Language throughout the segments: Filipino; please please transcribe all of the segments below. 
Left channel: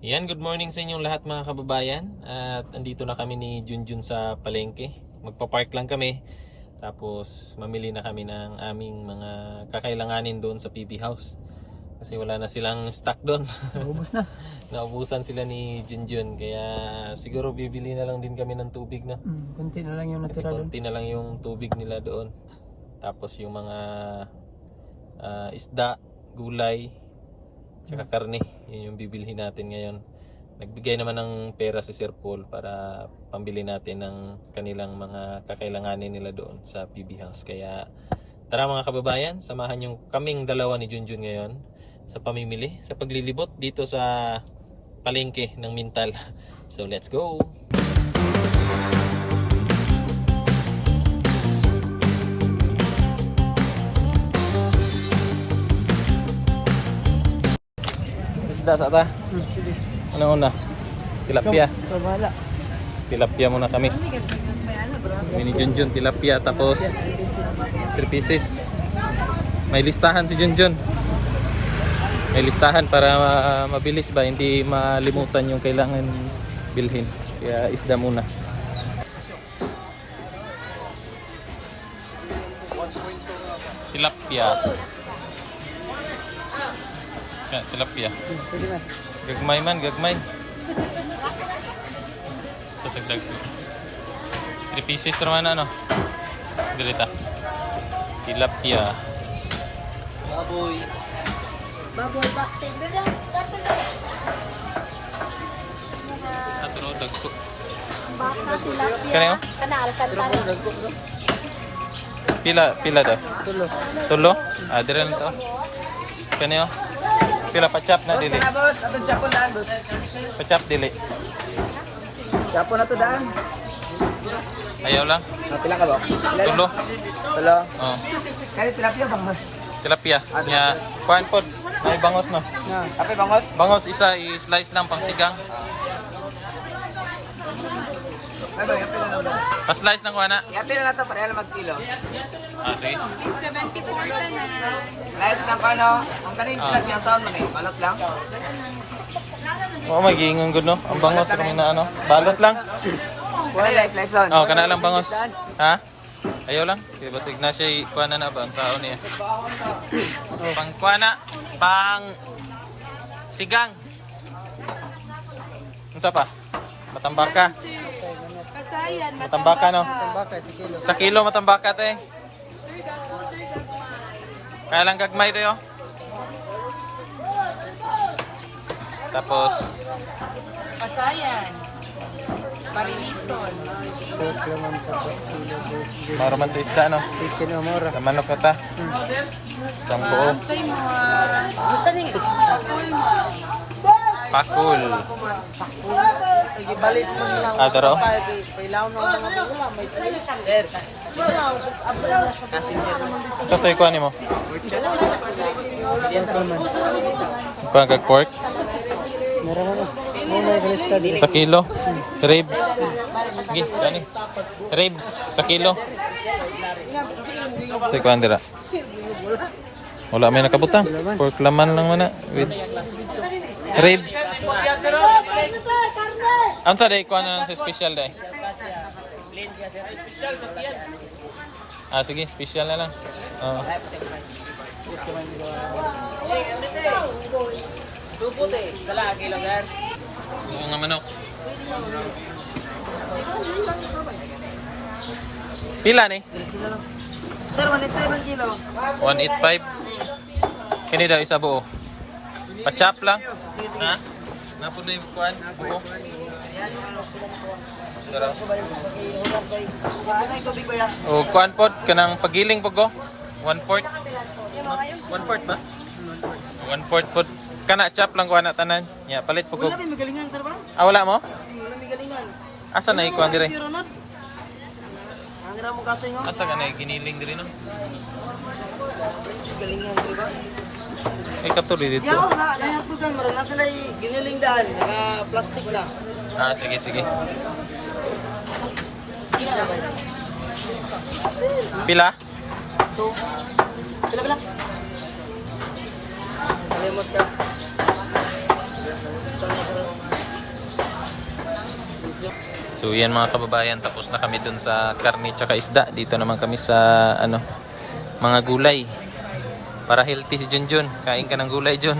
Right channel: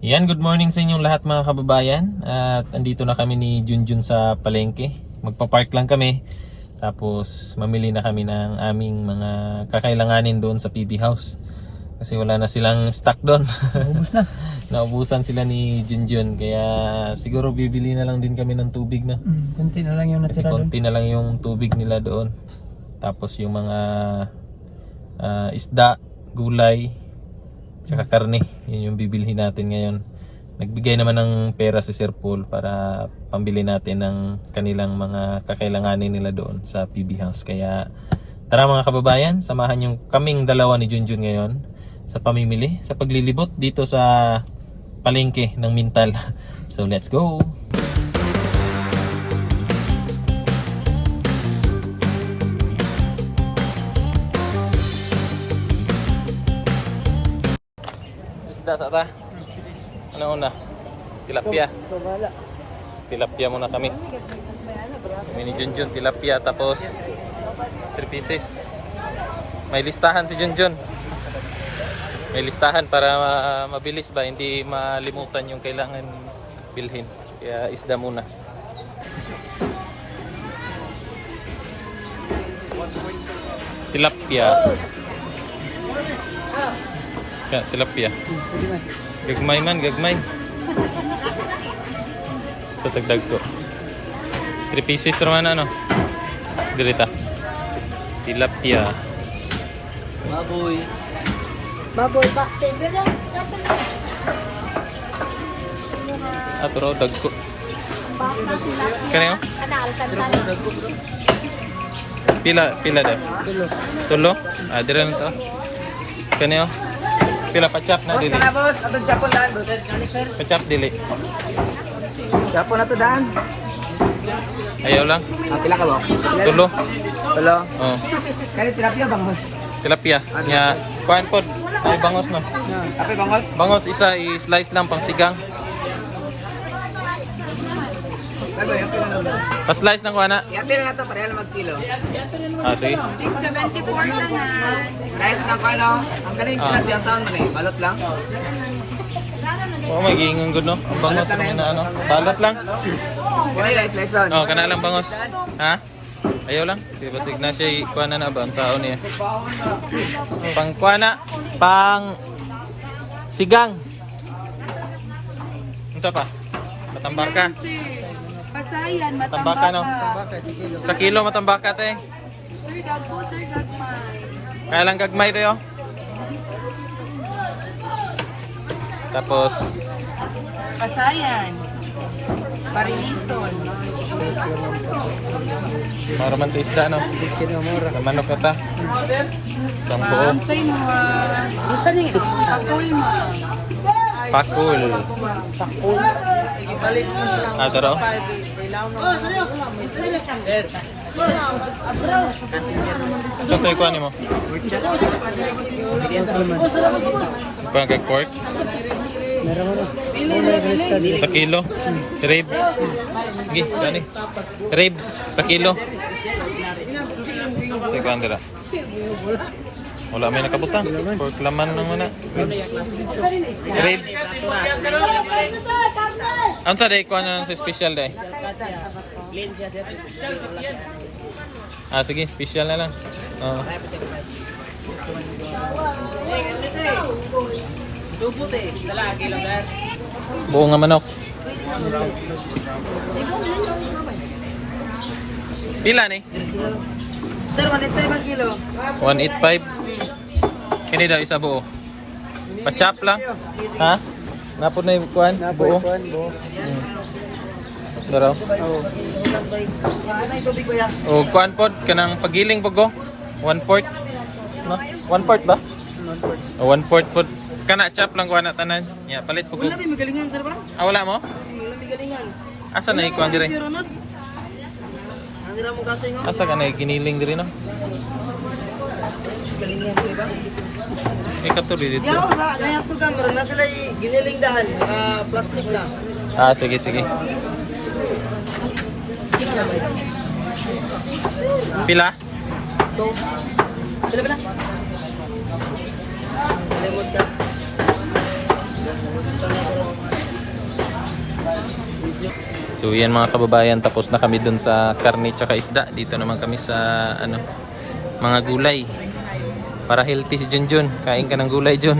Yan, good morning sa inyong lahat mga kababayan. At andito na kami ni Junjun sa palengke. Magpa-park lang kami. Tapos mamili na kami ng aming mga kakailanganin doon sa PB House. Kasi wala na silang stock doon. Naubos na. Naubusan sila ni Junjun. Kaya siguro bibili na lang din kami ng tubig na. Konti na lang yung Kasi natira doon. konti na lang yung tubig nila doon. Tapos yung mga isda, gulay, tsaka karne, yun yung bibilhin natin ngayon. Nagbigay naman ng pera si Sir Paul para pambili natin ng kanilang mga kakailanganin nila doon sa PB House. Kaya tara mga kababayan, samahan yung kaming dalawa ni Junjun ngayon sa pamimili, sa paglilibot dito sa palengke ng Mintal. So let's go! Isda sa ata? Ano una? Tilapia. Tilapia muna kami. Kami ni Junjun, tilapia tapos 3 pieces. May listahan si Junjun. May listahan para mabilis ba, hindi malimutan yung kailangan bilhin. Kaya isda muna. Tilapia. Kaya tilapia. Gagmay man, gagmay. Tatagdag ko. 3 pieces naman ano. Dirita. Tilapia. Baboy. Baboy pa. Aturo dagko. Baka Kanayo? kanal. Pila deh. Tulo? Ah, dire na to. Kanayo? Pila pa-chop na dili. Boss, ato Japon daan, boss. Pa-chop dili. Japon na to daan. Ayaw lang. Pila ka ba? Tulo. Hello. Oh. Kani tilapia bang, boss? Tilapia. Nya kuan pod. Ay bangos no. Ape bangos? Bangos isa i-slice lang pang sigang. Sabi, ape na lang. Pa-slice ng kuana. Ape na to, pareha lang mag-kilo. Ah, sige. 674 na na. Rice lang ko ano. Ang kaning tilapia ang sound man eh. Balot lang. Oh, magingong gud no. Ang bangos ng na ano. Balot lang. Kani guys, lesson. Oh, kana lang bangos. Ha? Ayaw lang. Di ba sig na siya kuana na ba ang saon niya. Pang kuana, pang sigang. Unsa pa? Matambaka. Pasayan, Matambaka no. Sa kilo matambaka te. Sir Gagmay. Kaya lang gagmay tayo. Tapos Pasayan. Parilison. maro man sa isda no. Namanok na ta. Isang buo. Say mo. Pakul mo. Pakul. Ah, taro. So tayo kuha mo. Kuha kag pork. Sa kilo. Ribs. Gi, gani. Ribs sa kilo. Sa kuha dira. Wala may nakabutang. Pork laman lang muna. With ribs. Ano sa day? Kuha na lang sa special day. Ah, sige, special na lang. Oo. Buo nga manok. Pila ni? Sir, 185 kilo. 185. Kini daw isa buo. Pa-chop lang. Ha? Napod na yung kuhan? Buo. Daro. O kuhan pod kanang pagiling pag go. 1/4. No? 1/4 ba? O 1/4 pod. Kana chop lang kuha na tanan. Ya, palit pag go. Wala may magalingan, sir ba? Ah, wala mo? Wala may galingan. Asa na ikuan dire? Pero not. Ang dira mo katoy nga. Asa ka na giniling dire no? Galingan, di ba? Ay katuloy dito. Yan ako sa kaya to kan meron na sila giniling daan, plastic na. Ah, sige, sige. Pila? To. Sila pala. Limot ka. So yan mga kababayan, tapos na kami dun sa karne tsaka isda. Dito naman kami sa ano, mga gulay. Para healthy si Junjun. Kain ka ng gulay, Jun.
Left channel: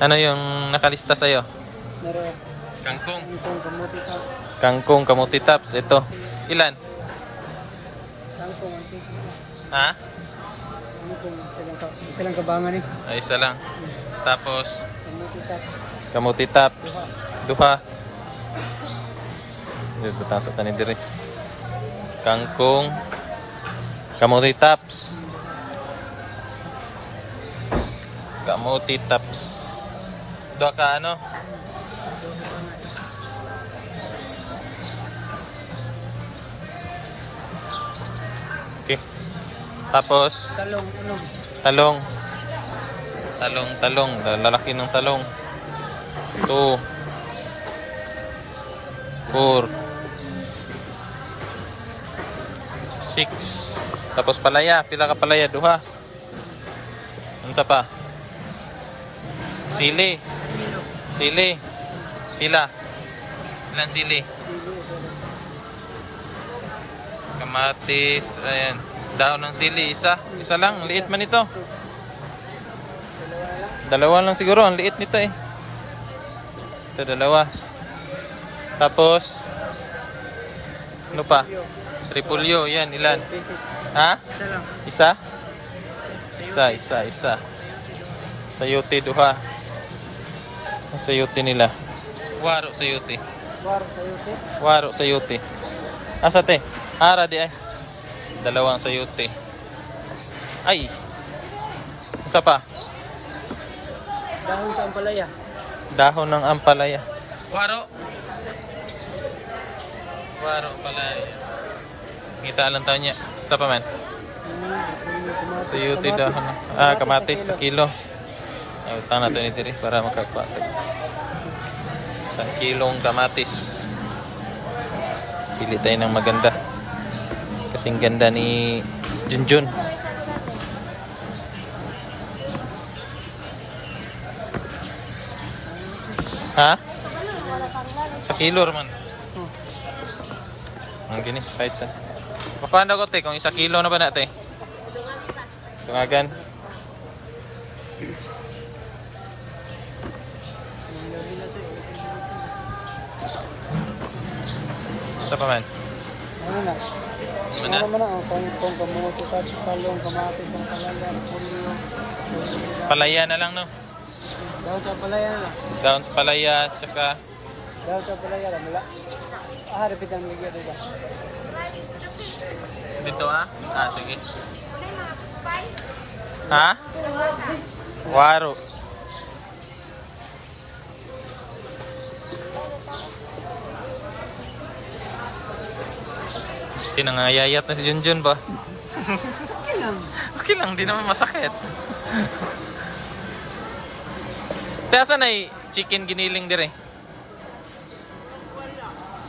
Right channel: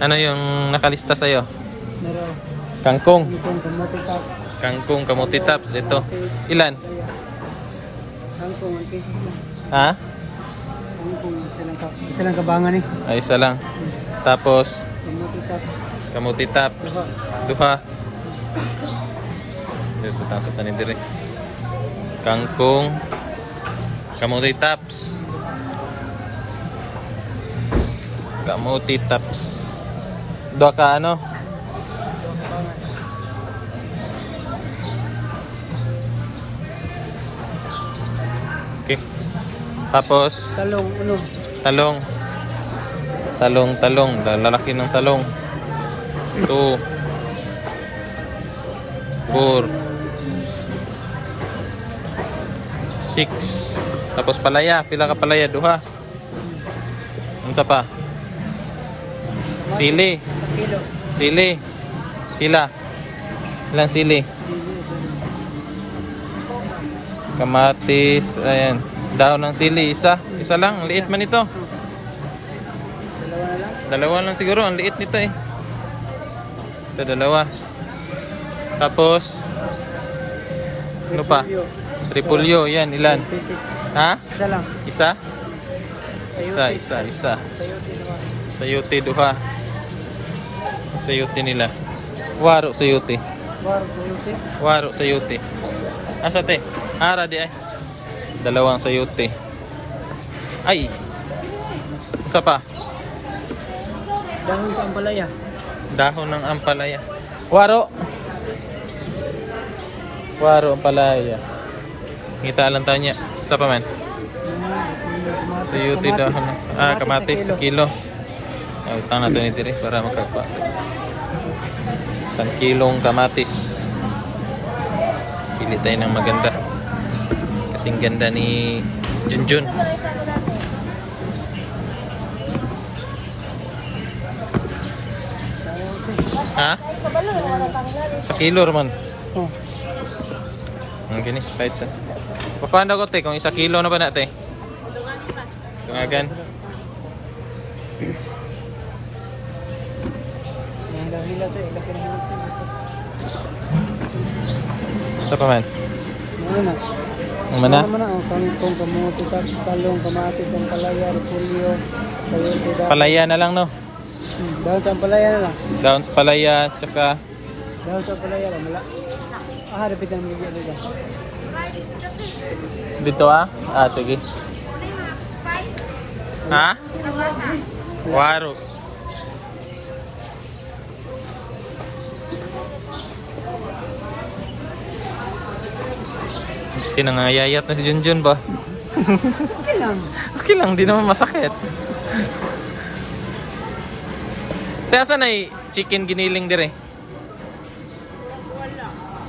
Ano yung nakalista sa'yo? Kangkong. Kangkong, kamuti tops. Ito. Ilan? Ha? Isa lang kabangan eh. Ay, isa lang. Tapos, kamuti tops. Duha. Butang sa tanin diri. Kangkong, kamuti tops. Kamuti tops. Dua ka ano? Okay. Tapos talong. Talong. Lalaki ng talong. 2 4 6. Tapos palaya, pila ka palaya? Duha. Unsa pa? Sili. Pila? Ilang sili? Kamatis, ayan. Dahon ng sili, isa lang, ang liit man ito. Dalawa lang siguro, ang liit nito eh. Ito, dalawa. Tapos, ano pa? Repolyo, yan, ilan? Ha? Isa? Isa. Sayote, duha. Ang sayote nila. Waro sayote. Asa te? Ara di ay. Dalawang sayote. Ay. Isa pa? Dahon sa ampalaya. Dahon ng ampalaya. Waro ampalaya. Kita lang tayo niya. Isa pa man? Sayote dahon ng kamatis sa kilo. Utang natin ito rin para magkakwa. 1 kilong kamatis. Pili tayo ng maganda. Kasing ganda ni Junjun. Ha? Sa kilo man. Ang gini, kahit sa. Papahan daw ko te, kung 1 kilo na ba natin? Tungagan. Sa pa man? Ang mana? Palaya na lang no? Dahon sa ampalaya na lang. Dahon sa palaya, tsaka Dahon sa ampalaya lang. Wala. Rapid ang gigil dito. dito sige. Ha? Waro. Sinangayayat na si Junjun ba? Okay lang. Okay lang, di naman masakit. Kaya saan ay chicken giniling dire?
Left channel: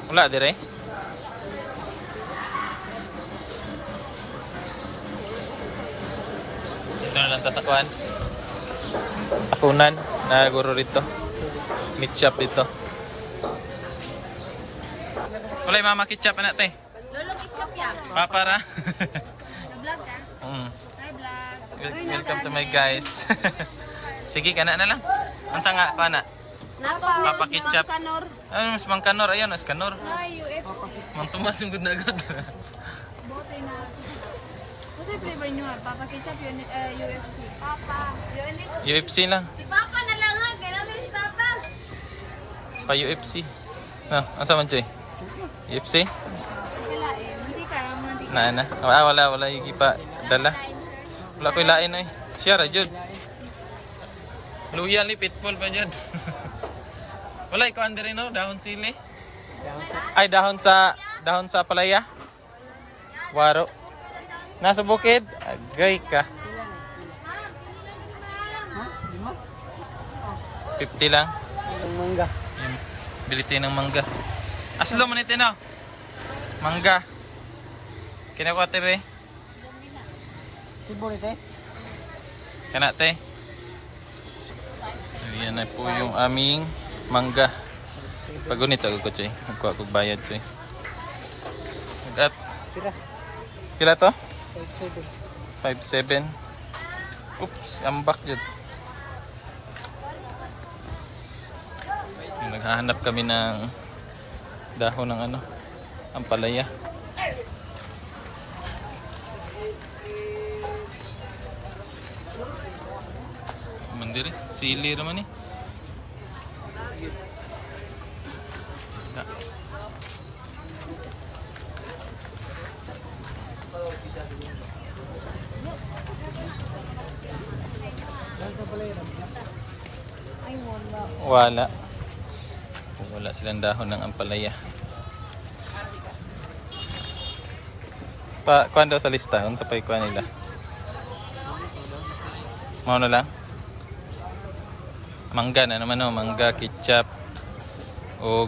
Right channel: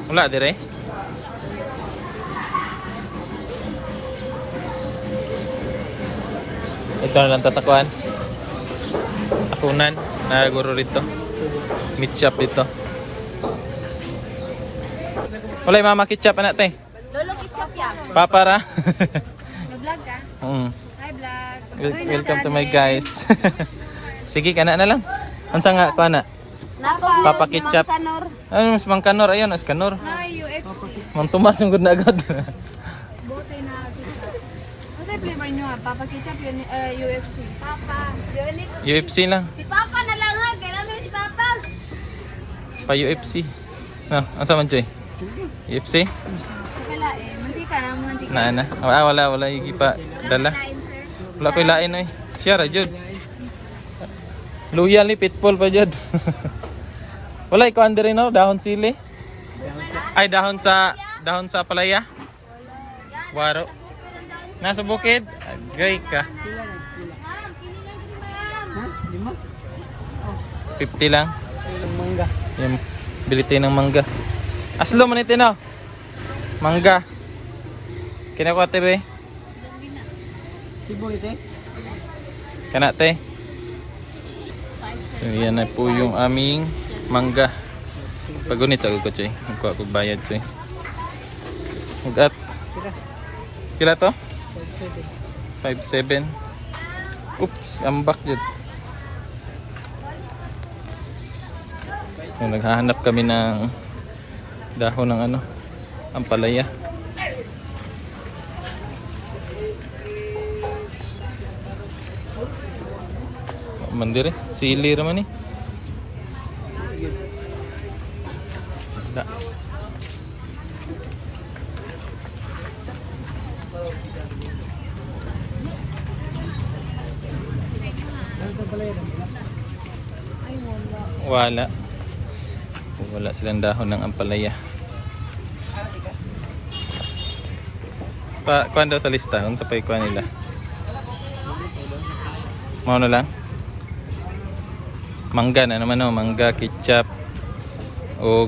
Wala dire? Ito na lang ta sa kuhan. Takunan, naguro rito. Meat shop dito. Wala yung mama ketchup anak te. Papara. Nag-vlog ka? Hi vlog. Welcome to my guys. Sige, kana na lang. Unsa nga ko ana? Papa ketchup. Ano mas mangkanor ayon as kanor. Hi UFC. Mang Tomas yung good na agad. Bote na ketchup. Ano sa flavor nyo ha? Papa ketchup yun, UFC. Papa. UFC lang. Si Papa na lang ha. Kailan mo si Papa? Pa UFC. Asa man Joy? UFC? Kala mantika na mantika. Na. Wala higi pa dala. Kain sir. Wala ko lain oy. Siya ra jud. Loyal ni Pitbull pa jud. Wala ikaw andere no dahon sili. Ay dahon sa palaya. Waro. Nasa bukid. Agay ka. Ha? 5? 50 lang. Yung mangga. Yung bili tayo ng mangga. Aslo man ito no? Mangga. Kinakuha te. Siboy te. Kana te. So yan na po yung aming mangga. Pagunit sa ko choy. Magkuha kog bayad choy. Ugat. Kira. Kila to? 5-7. 5.7. Oops, ambak yun. Yung naghahanap kami ng dahon ng ano, ampalaya. Mandiri, sili raman eh. Da. Wala. Wala silang dahon ng ampalaya. Kuhan daw sa lista, kung sa paikuan nila. Mau na lang. Mangga na naman, no? Mangga, ketchup, o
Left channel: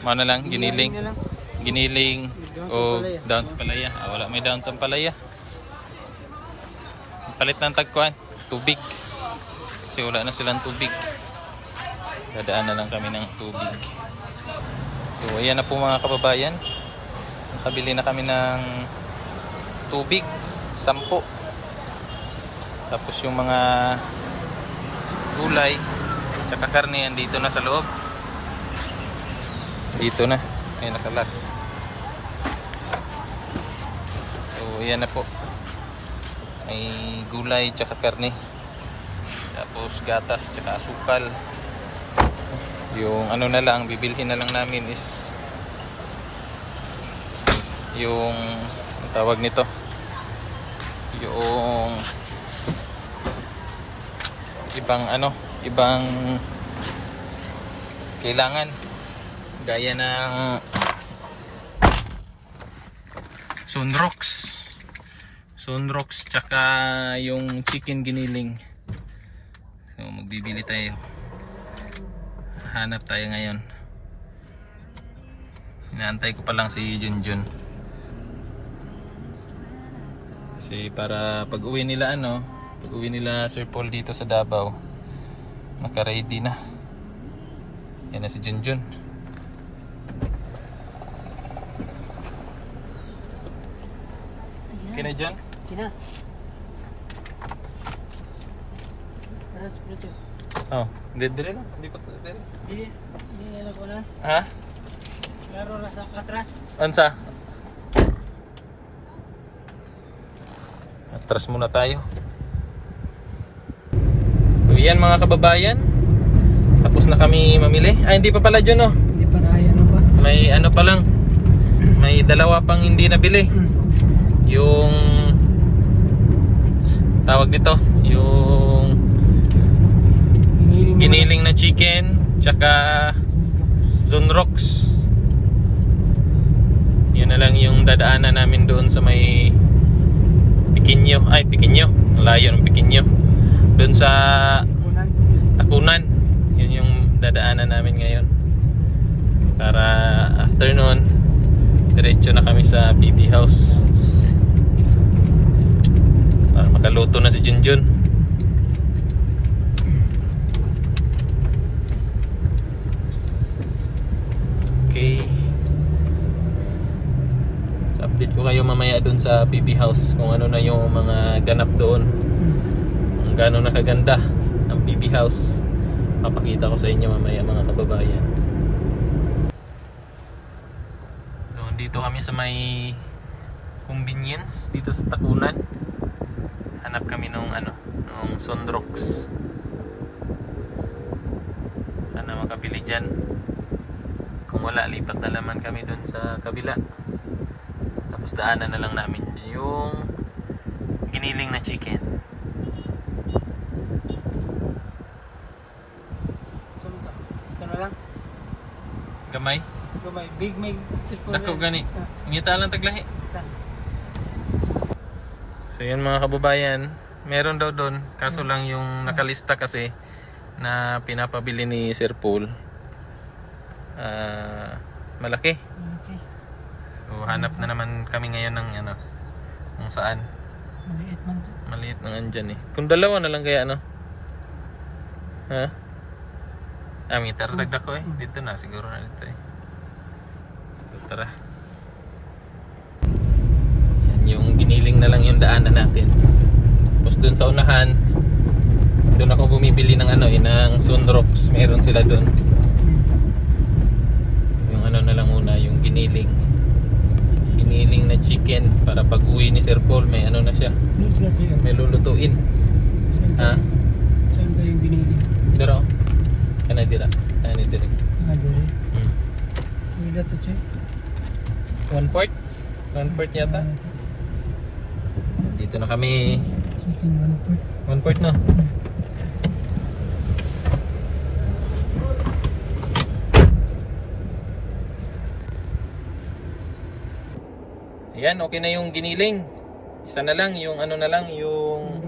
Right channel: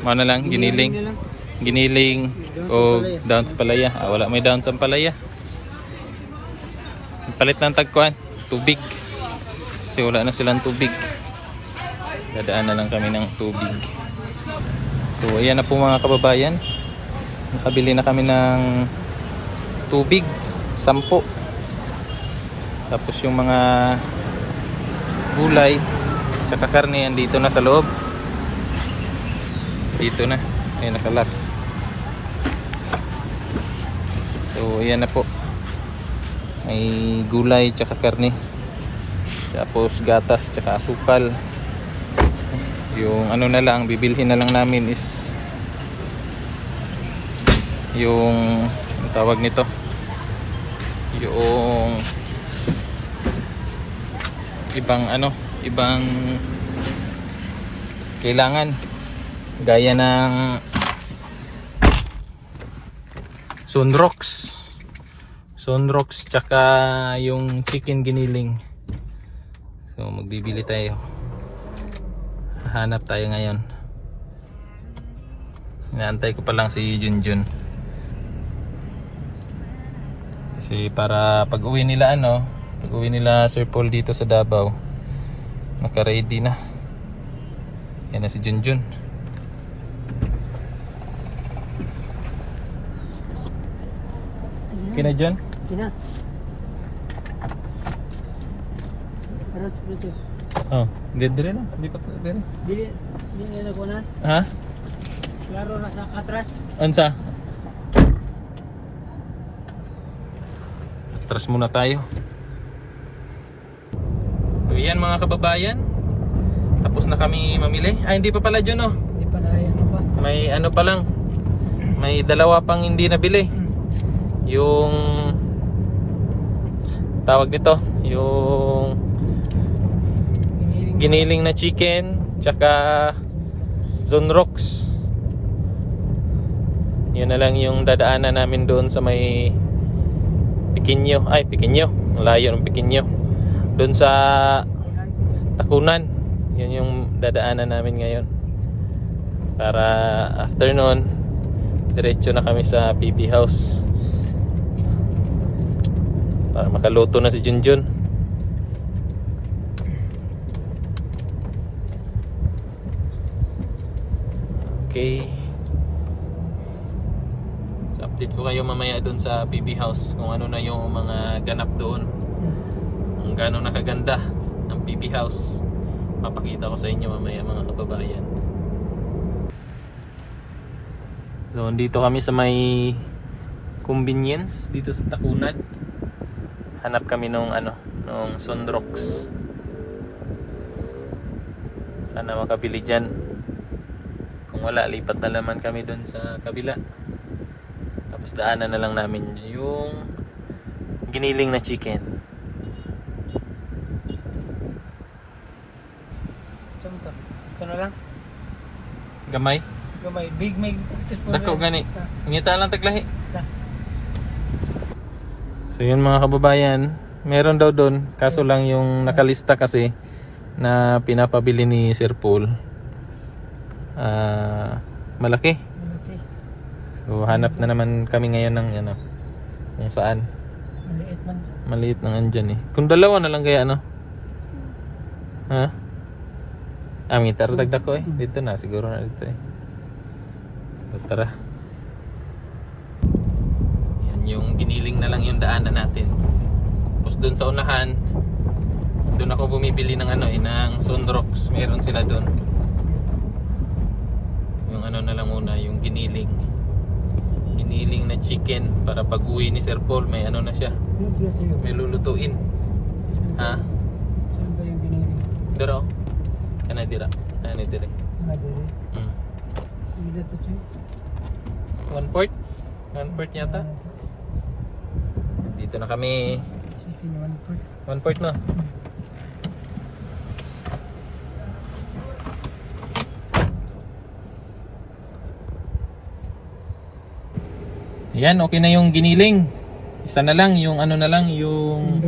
mau na lang, giniling. Giniling o down sa palaya. Wala may down sa palaya. Palit lang tagkuhan, tubig. Kasi wala na silang tubig. Dadaan na lang kami ng tubig. So ayan na po mga kababayan. Nakabili na kami ng tubig, 10. Tapos yung mga gulay tsaka karne andito na sa loob. Dito na. Ayan, nakalat. So ayan na po. May gulay tsaka karne. Tapos gatas tsaka asukal. Yung ano na lang, bibilhin na lang namin is yung ano tawag nito, yung ibang ano, ibang kailangan gaya ng sunrocks tsaka yung chicken giniling. So magbibili tayo. Hanap tayo ngayon. Inaantay ko pa lang si Junjun. Kasi para pag uwi nila pag uwi nila Sir Paul dito sa Davao, naka-ready na. Yan na si Junjun. Kina Jun? Kina. Arat prito. Oh, dire na. Di pa dire. Dili na ko na. Ha? Klaro na sa atras. Ansa? Atras muna tayo. So yan mga kababayan. Tapos na kami mamili. Hindi pa pala dyan Hindi pa na ano pa. May ano pa lang. May dalawa pang hindi nabili. Yung tawag dito, yung giniling na chicken tsaka sunrocks. Yun na lang yung dadaanan namin doon sa may Pikinyo. Layo ng Pikinyo. Doon sa Takunan. Yun yung dadaanan namin ngayon. Para after nun, diretso na kami sa PB House. Para makaluto na si Junjun. Okay. So, update ko kayo mamaya doon sa PB House kung ano na yung mga ganap doon. Kung gaano nakaganda ang PB House. Papakita ko sa inyo mamaya mga kababayan. So dito kami sa may convenience dito sa Takunan. Hanap kami nung nung sunrocks. Sana makabili dyan. Kung wala, lipat na naman kami dun sa kabila. Tapos daanan na lang namin yung giniling na chicken. Sumta. Ito na lang. Gamay? Gamay. Big may Dako gani. Ngita lang taglahi. Ta. So yun mga kababayan, meron daw doon, kaso lang yung nakalista kasi na pinapabili ni Sir Paul malaki. Okay. So So hanap na naman kami ngayon ng ano, kung saan. Maliit man. Maliit nang andyan eh. Kung dalawa na lang kaya ano? Ha? Tara dagdag ko eh. Dito na, siguro na dito eh. So, tara. Yan, yung giniling na lang yung daanan natin. Tapos dun sa unahan, doon ako bumibili ng ano eh, ng Sunrocks. Meron sila doon. Yung ano na lang muna, yung giniling. Giniling na chicken para pag uwi ni Sir Paul, may ano na siya. May lulutuin. Ha? Saan ba yung binili? Pero, kana dira. Kana dira. Hmm. Wala to, Chay. 1/4? 1/4 yata. Dito na kami. Chicken 1/4 na. Ayan, okay na yung giniling. Isa na lang, yung ano na lang, yung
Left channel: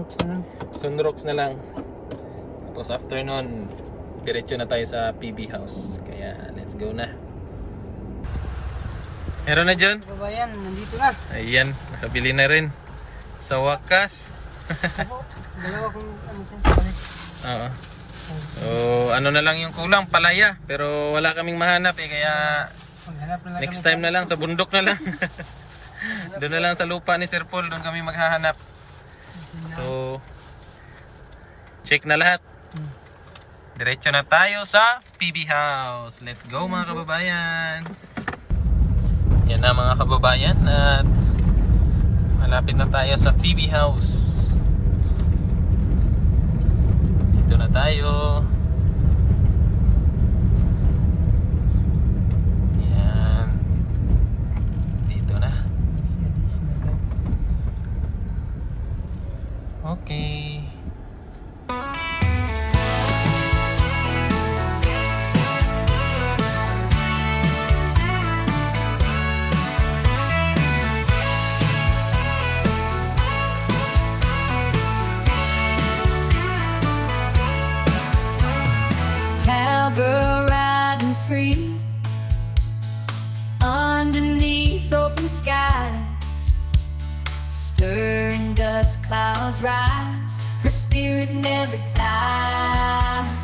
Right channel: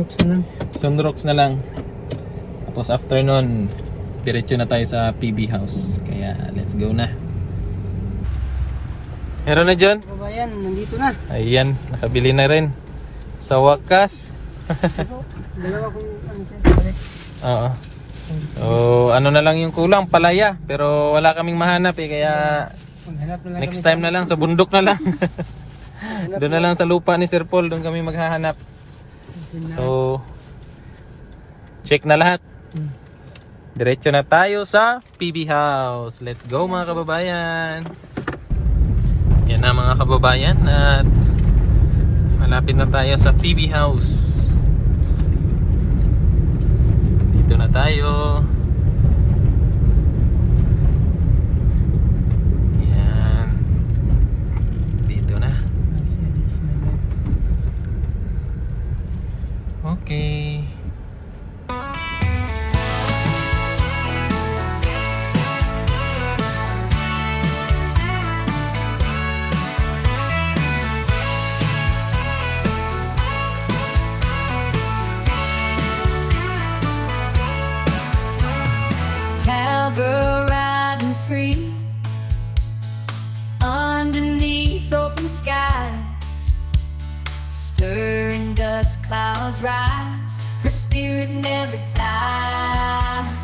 Sunrocks na lang. Tapos after nun, diretso na tayo sa PB House. Kaya let's go na. Meron na dyan? Kabayan, nandito na. Ayan, nakabili na rin. Sa wakas. Dalawa kung ano sa'yo. Oo. So, ano na lang yung kulang, palaya. Pero wala kaming mahanap eh, kaya Maghanap na lang next time na lang, sa bundok na lang. Doon na lang sa lupa ni Sir Paul, doon kami maghahanap. So, check na lahat. Diretso na tayo sa PB House. Let's go mga kababayan. Yan na mga kababayan at malapit na tayo sa PB House. Dito na tayo. Yan. Dito na. Okay. Cowgirl riding free underneath open skies, stirring dust clouds rise, her spirit never dies.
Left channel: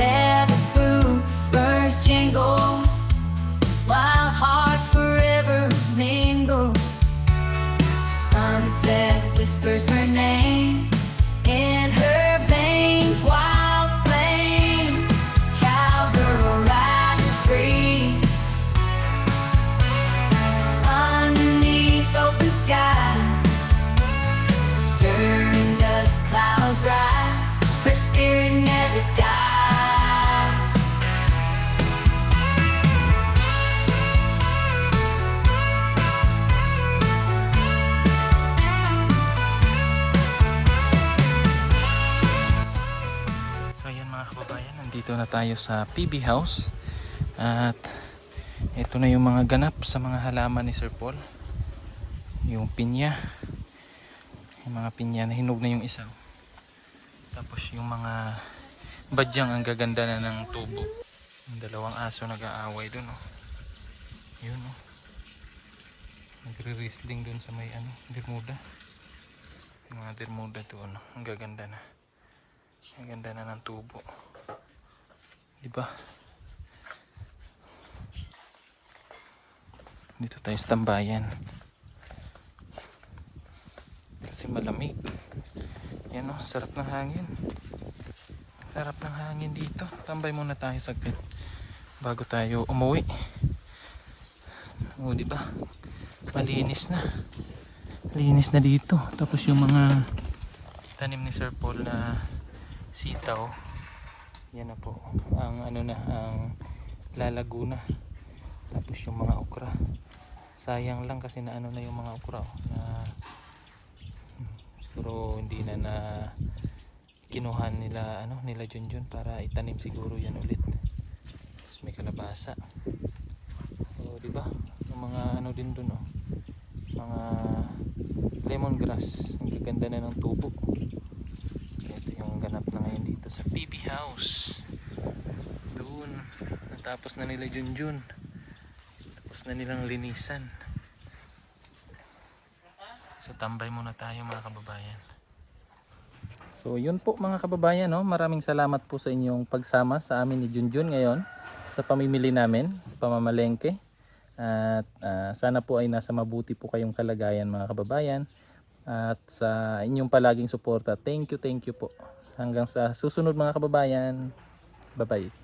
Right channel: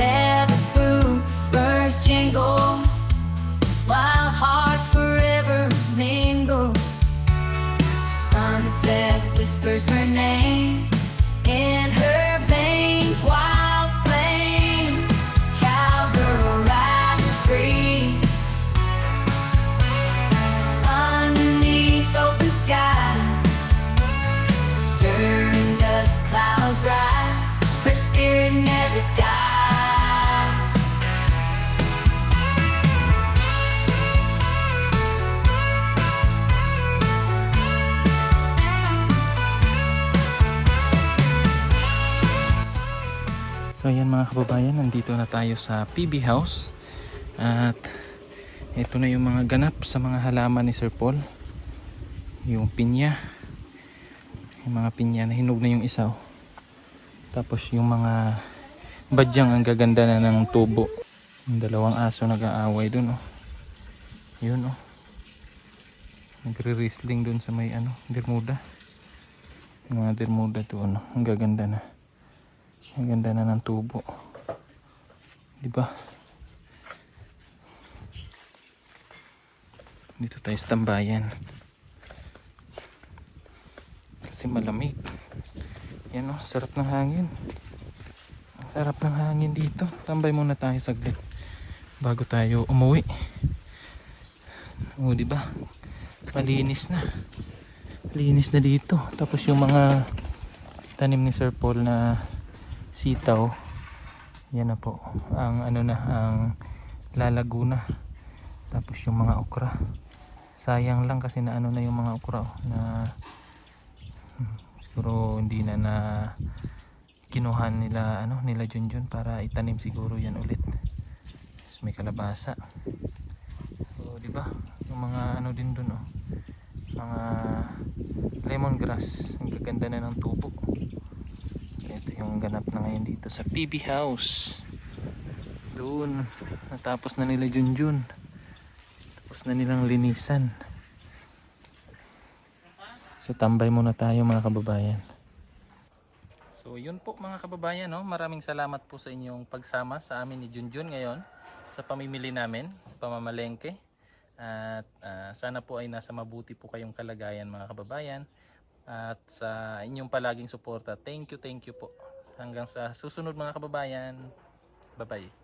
Leather boots, spurs jingle, wild hearts forever mingle. Sunset whispers her name in her veins, wild flame. Cowgirl riding free underneath open skies, stirring dust clouds rise, her spirit never dies. So ayan mga kababayan, nandito na tayo sa PB House. At ito na yung mga ganap sa mga halaman ni Sir Paul. Yung pinya. Yung mga pinya na hinog na yung isa. Tapos yung mga badyang ang gaganda na ng tubo. Yung dalawang aso nag-aaway dun oh. Yun oh. Nagre-wrestling dun sa may ano, dirmuda. Yung mga dirmuda doon oh. Ang gaganda na. Ang ganda na ng tubo. Diba? Dito tayo sa tambayan. Kasi malamig. Yan o, sarap ng hangin. Ang sarap ng hangin dito. Tambay muna tayo saglit bago tayo umuwi. O diba? Malinis na. Linis na dito. Tapos yung mga tanim ni Sir Paul na sitaw, yan na po ang ano na, ang lalago na. Tapos yung mga okra, sayang lang kasi na ano na yung mga okra na siguro hindi na kinuha nila nila Junjun para itanim siguro yan ulit. Tapos may kalabasa. So, di ba? Yung mga din dun, oh. Mga lemongrass. Ang gaganda na ng tubo. Ito yung ganap na ngayon dito sa PB House. Doon natapos na nila Junjun. Tapos na nilang linisan. So tambay muna tayo mga kababayan. So yun po mga kababayan, no? Maraming salamat po sa inyong pagsama sa amin ni Junjun ngayon sa pamimili namin sa pamamalengke. At sana po ay nasa mabuti po kayong kalagayan mga kababayan. At sa inyong palaging suporta. Thank you po. Hanggang sa susunod mga kababayan. Bye bye.